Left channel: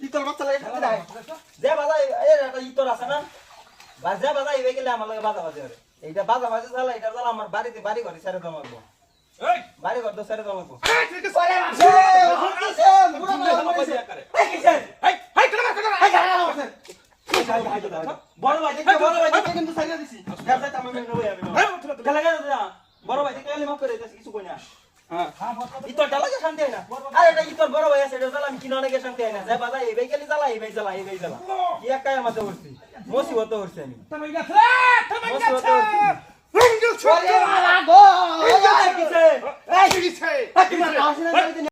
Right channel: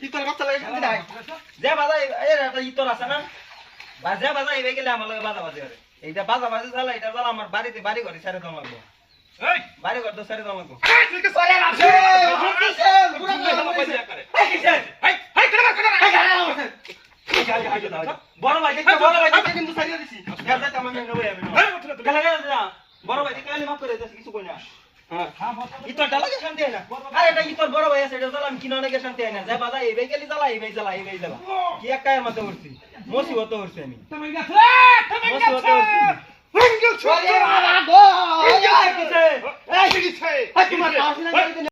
ইতর বাচ্চা লাগে খাতে নাই যে বাজা ইতর আছে না বাজা বাজা এই গেলে আমার লাগে বাজা বাজে করে এইটা বাজা বাজে চালা এটা চালা আমার বাড়িতে বাড়ি করে সারে দাম লাগবো এই বাড়ি কর তো সারে দাম লাগবো এই ঠিক আছে আরে কিসেন পুরো পয়সা করে এই কিসেন এই বড় ভাই কিন্তু সারিয়ে দিছি গাছে তাম আমি নেব আমি গেলে যা বড় ভাই কেন মাফ করে দিছি কিছু কই না হ্যাঁ ইতর ডালাকে শান্তি হয় না আরে এটা ইতর বড় ভাই আছে এটা চালা আমি কিনা লাগে শান্তি হয় না যা বাজা এই গেলি চালা এই জ্বালা কি এক কায়ের মধ্যে উঠছি মুসিবত উঠছে আমি তুমি গেছে মুসিবত উঠছি রিঙ্গল ছোট আরে গো এই কিসে এই কিসে তুমি আসলে